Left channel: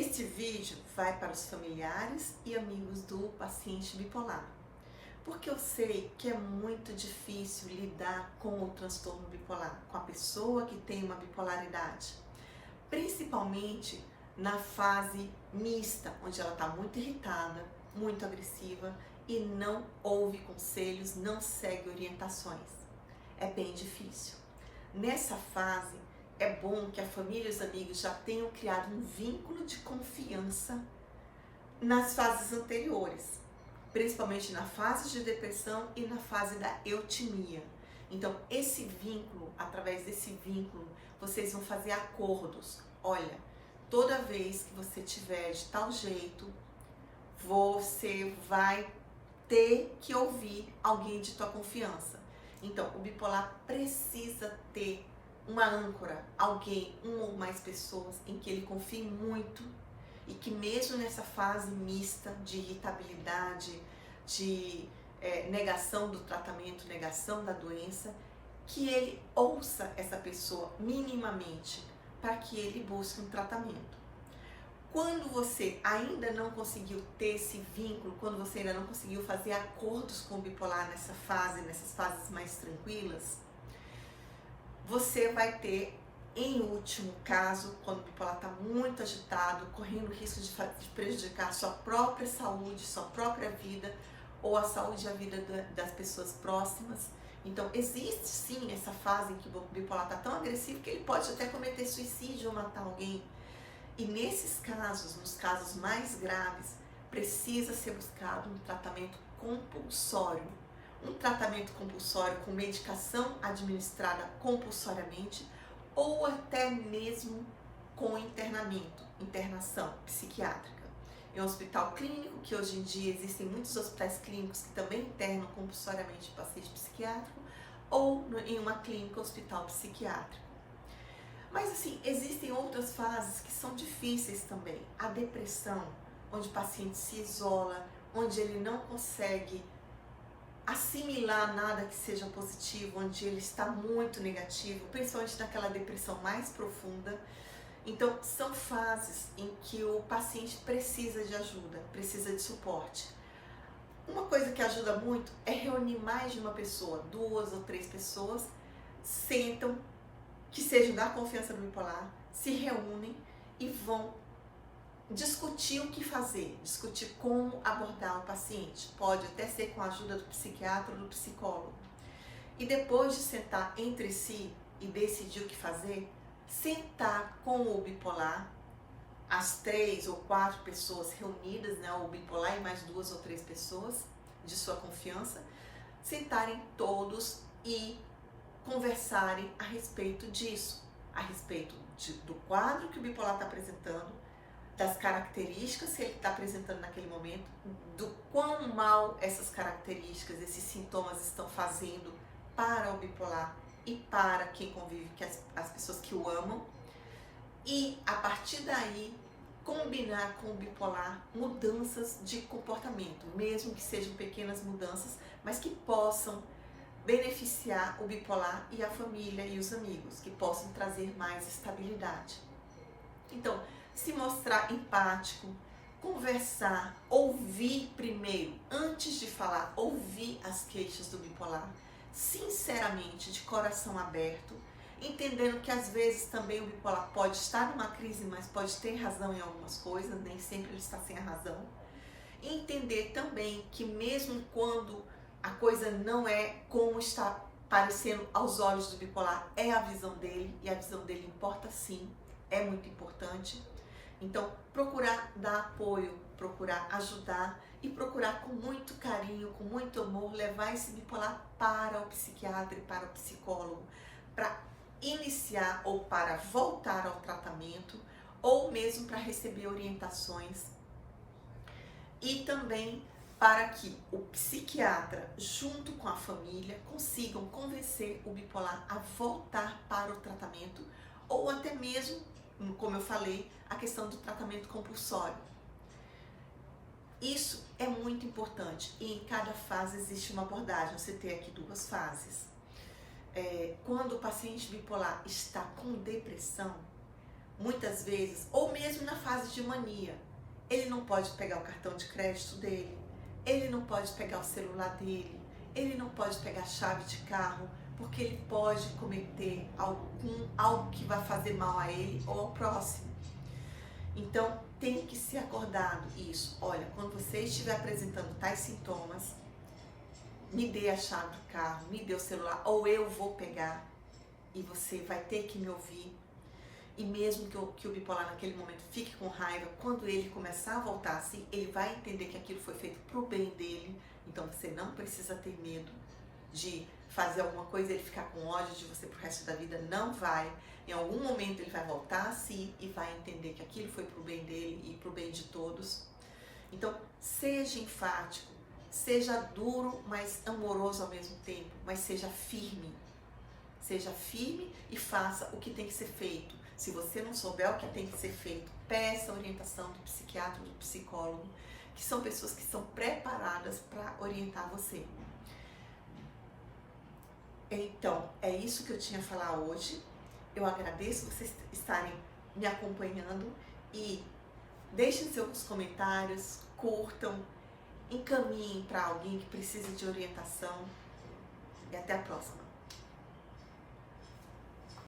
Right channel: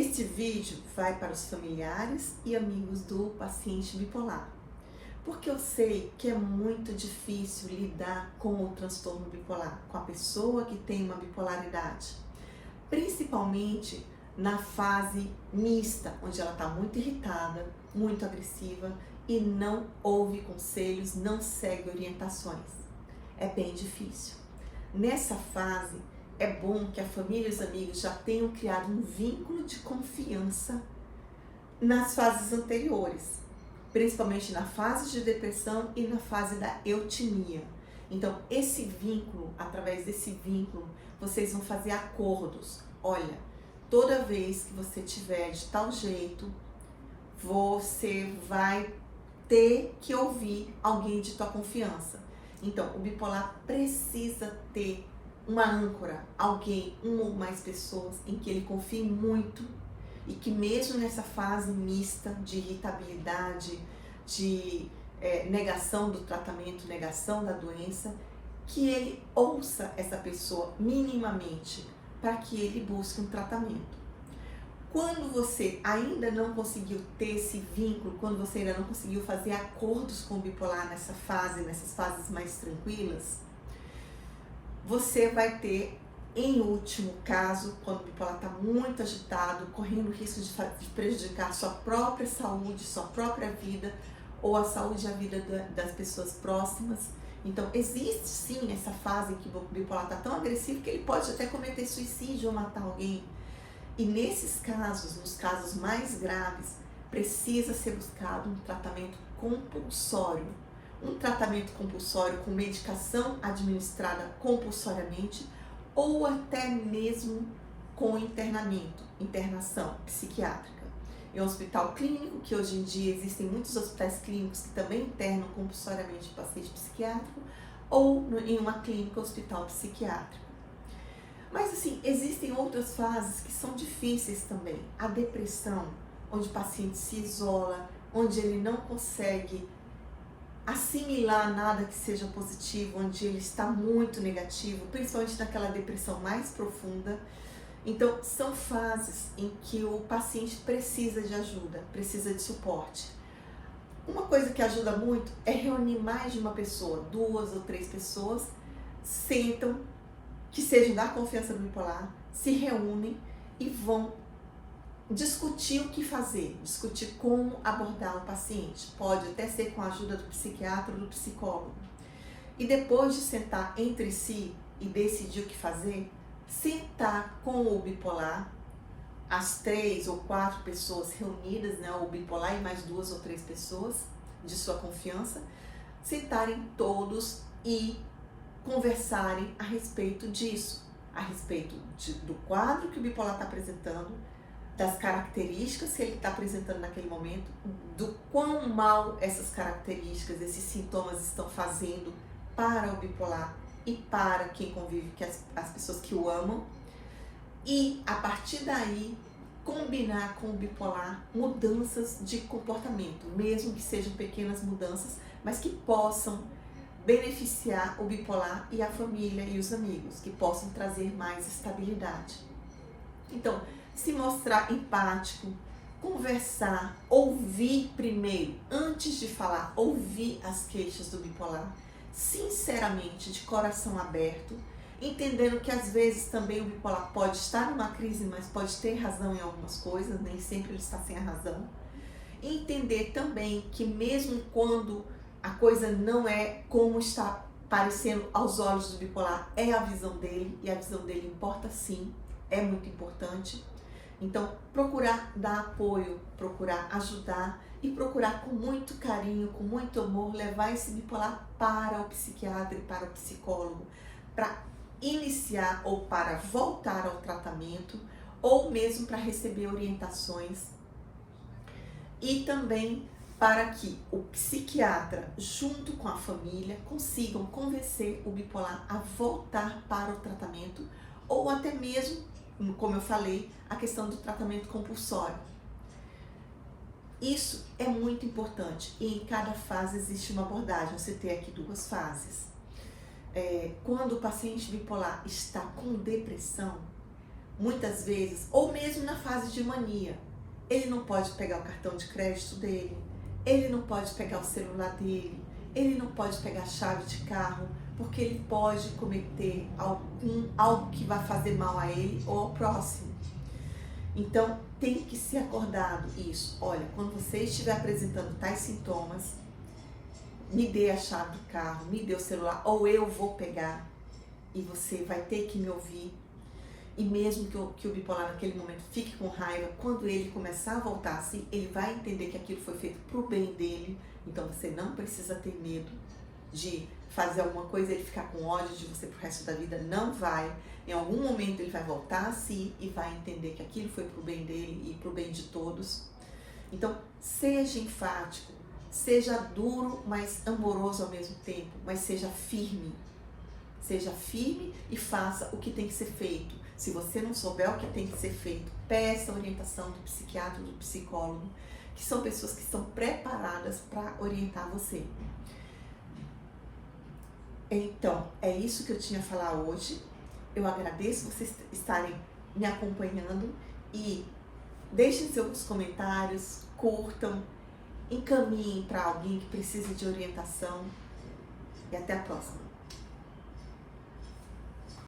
Este vídeo vai para os familiares e amigos do paciente bipolar, porque eu sei que é muito difícil lidar com o transtorno bipolar, com a pessoa que tem uma bipolaridade, principalmente na fase mista, onde ela está muito irritada, muito agressiva e não ouve conselhos, não segue orientações. É bem difícil. Nessa fase, é bom que a família e os amigos já tenham criado um vínculo de confiança nas fases anteriores, principalmente na fase de depressão e na fase da eutimia. Então, esse vínculo, através desse vínculo, vocês vão fazer acordos. Olha, toda vez que você tiver de tal jeito, você vai ter que ouvir alguém de tua confiança. Então, o bipolar precisa ter uma âncora, alguém, uma ou mais pessoas em que ele confie muito e que mesmo nessa fase mista de irritabilidade, de negação do tratamento, negação da doença, que ele ouça essa pessoa minimamente para que ele busque um tratamento. Quando você ainda não conseguiu ter esse vínculo, quando você ainda não conseguiu fazer acordos com o bipolar nessas fases mais tranquilas, você vai ter, em último caso, quando o bipolar está muito agitado, correndo risco de prejudicar sua própria saúde, sua própria vida, ou a saúde e a vida das pessoas próximas. Então, existe sim essa fase em que o bipolar está tão agressivo que ele pode até cometer suicídio ou matar alguém. E nesses casos, nos casos mais graves, precisa ser buscado um tratamento compulsório. Um tratamento compulsório com medicação administrada compulsoriamente ou até mesmo com internação psiquiátrica. Em um hospital clínico, que hoje em dia existem muitos hospitais clínicos que também internam compulsoriamente o paciente psiquiátrico, ou em uma clínica hospital psiquiátrico. Mas assim, existem outras fases que são difíceis também. A depressão, onde o paciente se isola, onde ele não consegue assimilar nada que seja positivo, onde ele está muito negativo, principalmente naquela depressão mais profunda. Então, são fases em que o paciente precisa de ajuda, precisa de suporte. Uma coisa que ajuda muito é reunir mais de uma pessoa, 2 ou 3 pessoas, sentam, que sejam da confiança do bipolar, se reúnem e vão discutir o que fazer, discutir como abordar o paciente. Pode até ser com a ajuda do psiquiatra ou do psicólogo. E depois de sentar entre si e decidir o que fazer, sentar com o bipolar, as 3 ou 4 pessoas reunidas, né, o bipolar e mais 2 ou 3 pessoas de sua confiança, sentarem todos e conversarem a respeito disso, a respeito do quadro que o bipolar está apresentando, das características que ele está apresentando naquele momento, do quão mal essas características, esses sintomas estão fazendo para o bipolar e para quem convive, que as pessoas que o amam, e a partir daí combinar com o bipolar mudanças de comportamento, mesmo que sejam pequenas mudanças, mas que possam beneficiar o bipolar e a família e os amigos, que possam trazer mais estabilidade. Então, se mostrar empático, conversar, ouvir primeiro, antes de falar, ouvir as queixas do bipolar, sinceramente, de coração aberto, entendendo que às vezes também o bipolar pode estar numa crise, mas pode ter razão em algumas coisas, nem sempre ele está sem a razão. E entender também que mesmo quando a coisa não é como está parecendo aos olhos do bipolar, é a visão dele, e a visão dele importa sim, é muito importante. Então, procurar dar apoio, procurar ajudar e procurar com muito carinho, com muito amor, levar esse bipolar para o psiquiatra e para o psicólogo, para iniciar ou para voltar ao tratamento, ou mesmo para receber orientações. E também para que o psiquiatra, junto com a família, consigam convencer o bipolar a voltar para o tratamento, ou até mesmo, como eu falei, a questão do tratamento compulsório. Isso é muito importante e em cada fase existe uma abordagem. Você tem aqui 2 fases. Quando o paciente bipolar está com depressão, muitas vezes, ou mesmo na fase de mania, ele não pode pegar o cartão de crédito dele, ele não pode pegar o celular dele, ele não pode pegar a chave de carro, porque ele pode cometer algo que vai fazer mal a ele ou ao próximo. Então, tem que ser acordado isso. Olha, quando você estiver apresentando tais sintomas, me dê a chave do carro, me dê o celular, ou eu vou pegar e você vai ter que me ouvir. E mesmo que o bipolar naquele momento fique com raiva, quando ele começar a voltar assim, ele vai entender que aquilo foi feito pro bem dele. Então você não precisa ter medo de fazer alguma coisa, ele ficar com ódio de você pro resto da vida, não vai. Em algum momento ele vai voltar a si e vai entender que aquilo foi pro bem dele e pro bem de todos. Então, seja enfático, seja duro, mas amoroso ao mesmo tempo, mas seja firme. Seja firme e faça o que tem que ser feito. Se você não souber o que tem que ser feito, peça orientação do psiquiatra, do psicólogo, que são pessoas que estão preparadas para orientar você. Então, é isso que eu tinha a falar hoje. Eu agradeço vocês estarem me acompanhando e deixem seus comentários, curtam, encaminhem para alguém que precisa de orientação e até a próxima.